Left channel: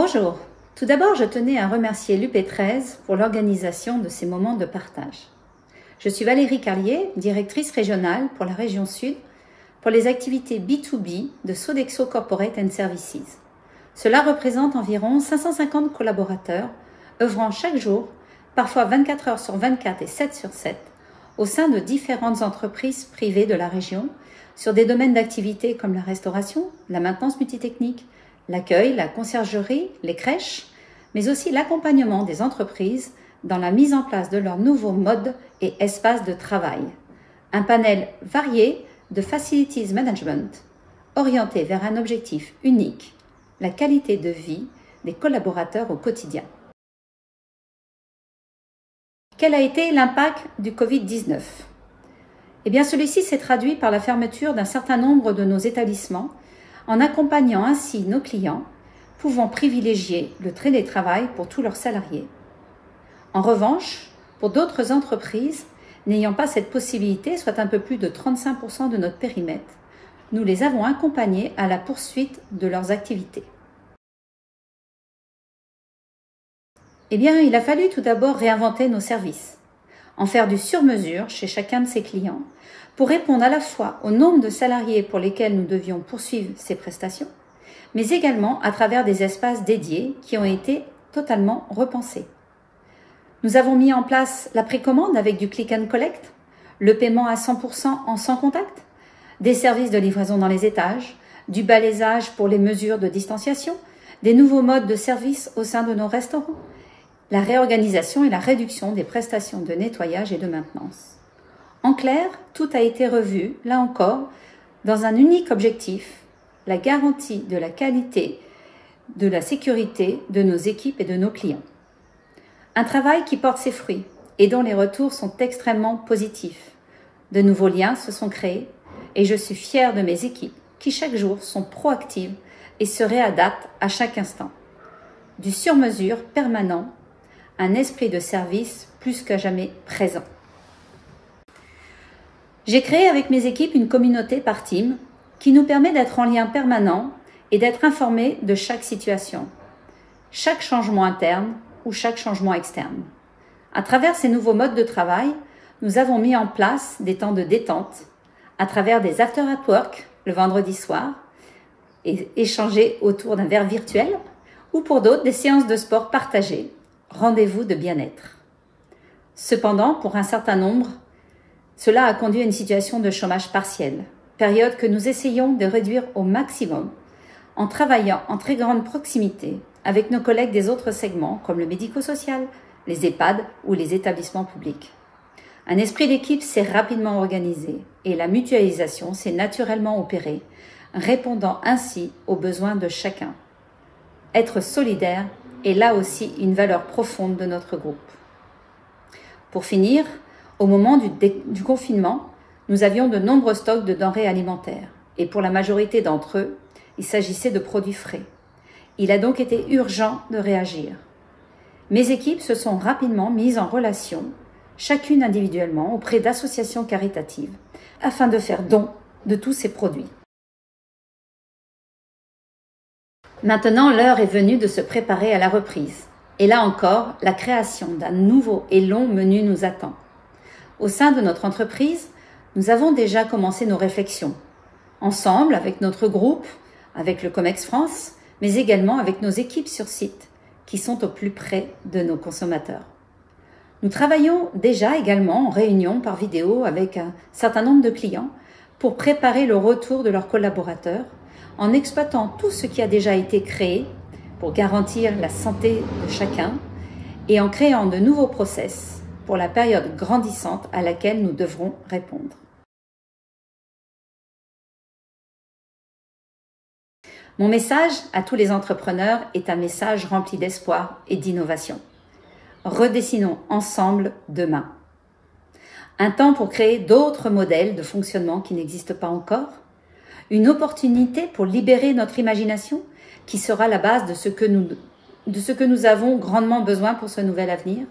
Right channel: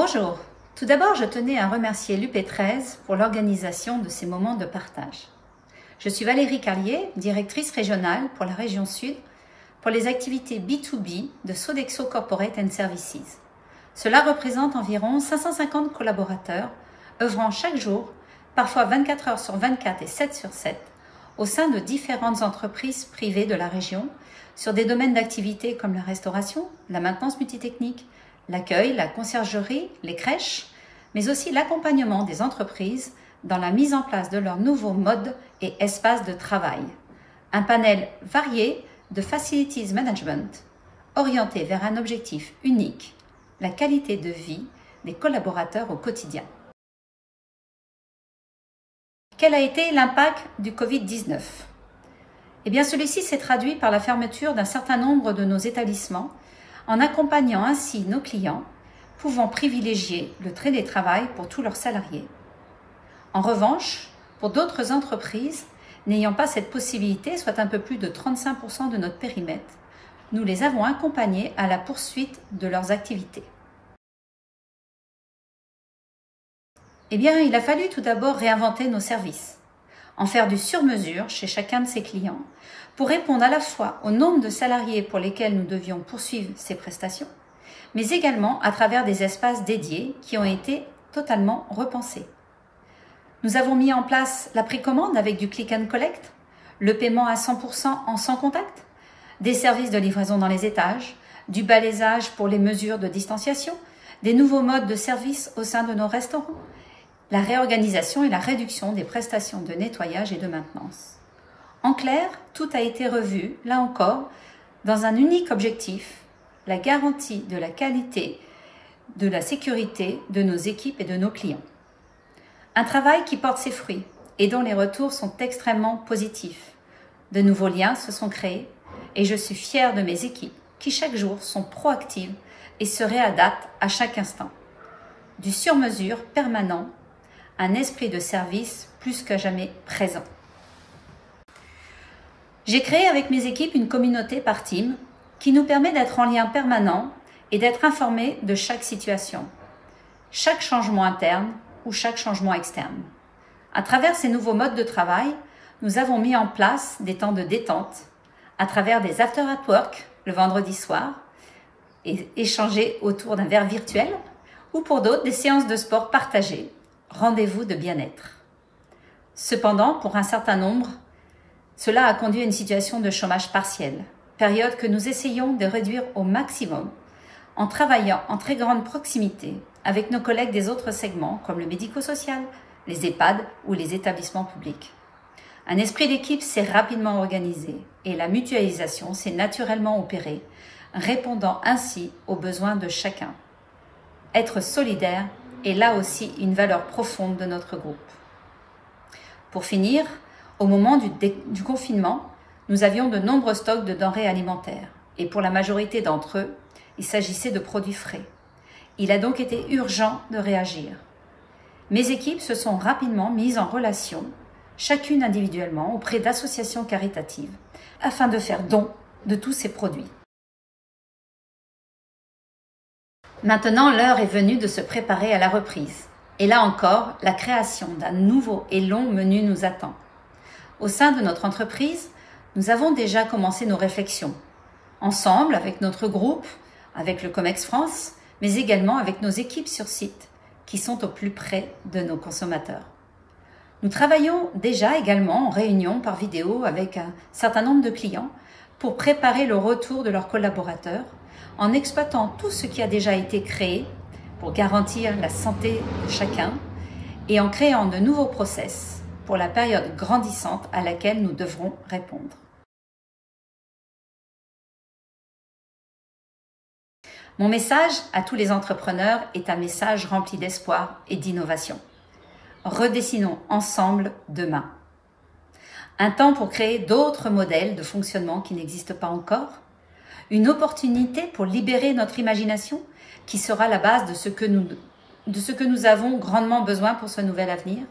Bonjour, tout d'abord je tenais à remercier l'UP13 pour l'organisation de ces moments de partage. Je suis Valérie Carlier, directrice régionale pour la région Sud, pour les activités B2B de Sodexo Corporate and Services. Cela représente environ 550 collaborateurs, œuvrant chaque jour, parfois 24 heures sur 24 et 7 sur 7, au sein de différentes entreprises privées de la région, sur des domaines d'activité comme la restauration, la maintenance multitechnique, l'accueil, la conciergerie, les crèches, mais aussi l'accompagnement des entreprises dans la mise en place de leurs nouveaux modes et espaces de travail. Un panel varié de Facilities Management, orienté vers un objectif unique, la qualité de vie des collaborateurs au quotidien. Quel a été l'impact du Covid-19? Eh bien, celui-ci s'est traduit par la fermeture d'un certain nombre de nos établissements, en accompagnant ainsi nos clients, pouvant privilégier le télétravail pour tous leurs salariés. En revanche, pour d'autres entreprises n'ayant pas cette possibilité, soit un peu plus de 35% de notre périmètre, nous les avons accompagnés à la poursuite de leurs activités. Eh bien, il a fallu tout d'abord réinventer nos services, en faire du sur-mesure chez chacun de ses clients, pour répondre à la fois au nombre de salariés pour lesquels nous devions poursuivre ces prestations, mais également à travers des espaces dédiés qui ont été totalement repensés. Nous avons mis en place la précommande avec du click and collect, le paiement à 100% en sans contact, des services de livraison dans les étages, du balaisage pour les mesures de distanciation, des nouveaux modes de service au sein de nos restaurants, la réorganisation et la réduction des prestations de nettoyage et de maintenance. En clair, tout a été revu, là encore, dans un unique objectif, la garantie de la qualité, de la sécurité de nos équipes et de nos clients. Un travail qui porte ses fruits et dont les retours sont extrêmement positifs. De nouveaux liens se sont créés et je suis fière de mes équipes qui chaque jour sont proactives et se réadaptent à chaque instant. Du sur-mesure permanent, un esprit de service plus que jamais présent. J'ai créé avec mes équipes une communauté par team qui nous permet d'être en lien permanent et d'être informés de chaque situation, chaque changement interne ou chaque changement externe. À travers ces nouveaux modes de travail, nous avons mis en place des temps de détente à travers des after at work le vendredi soir et échanger autour d'un verre virtuel ou pour d'autres des séances de sport partagées, rendez-vous de bien-être. Cependant, pour un certain nombre, cela a conduit à une situation de chômage partiel, période que nous essayons de réduire au maximum en travaillant en très grande proximité avec nos collègues des autres segments comme le médico-social, les EHPAD ou les établissements publics. Un esprit d'équipe s'est rapidement organisé et la mutualisation s'est naturellement opérée, répondant ainsi aux besoins de chacun. Être solidaire est là aussi une valeur profonde de notre groupe. Pour finir, au moment du confinement, nous avions de nombreux stocks de denrées alimentaires et pour la majorité d'entre eux, il s'agissait de produits frais. Il a donc été urgent de réagir. Mes équipes se sont rapidement mises en relation, chacune individuellement, auprès d'associations caritatives, afin de faire don de tous ces produits. Maintenant, l'heure est venue de se préparer à la reprise. Et là encore, la création d'un nouveau et long menu nous attend. Au sein de notre entreprise, nous avons déjà commencé nos réflexions, ensemble avec notre groupe, avec le Comex France, mais également avec nos équipes sur site, qui sont au plus près de nos consommateurs. Nous travaillons déjà également en réunion par vidéo avec un certain nombre de clients pour préparer le retour de leurs collaborateurs, en exploitant tout ce qui a déjà été créé pour garantir la santé de chacun et en créant de nouveaux process pour la période grandissante à laquelle nous devrons répondre. Mon message à tous les entrepreneurs est un message rempli d'espoir et d'innovation. Redessinons ensemble demain. Un temps pour créer d'autres modèles de fonctionnement qui n'existent pas encore. Une opportunité pour libérer notre imagination qui sera la base de ce que nous avons grandement besoin pour ce nouvel avenir.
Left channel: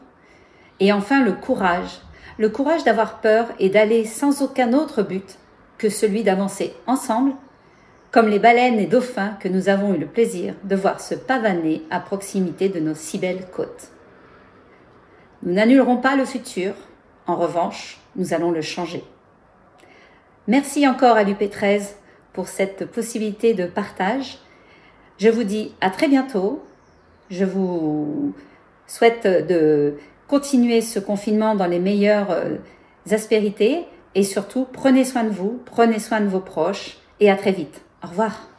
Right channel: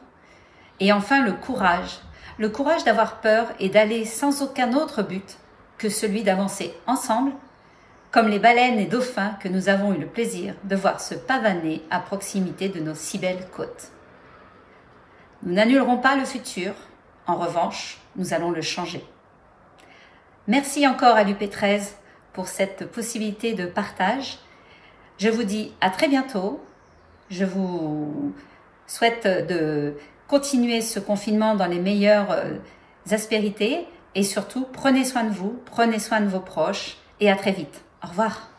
Et enfin, le courage d'avoir peur et d'aller sans aucun autre but que celui d'avancer ensemble comme les baleines et dauphins que nous avons eu le plaisir de voir se pavaner à proximité de nos si belles côtes. Nous n'annulerons pas le futur, en revanche, nous allons le changer. Merci encore à l'UP13 pour cette possibilité de partage. Je vous dis à très bientôt. Je vous souhaite de continuer ce confinement dans les meilleures aspérités et surtout prenez soin de vous, prenez soin de vos proches et à très vite. Au revoir.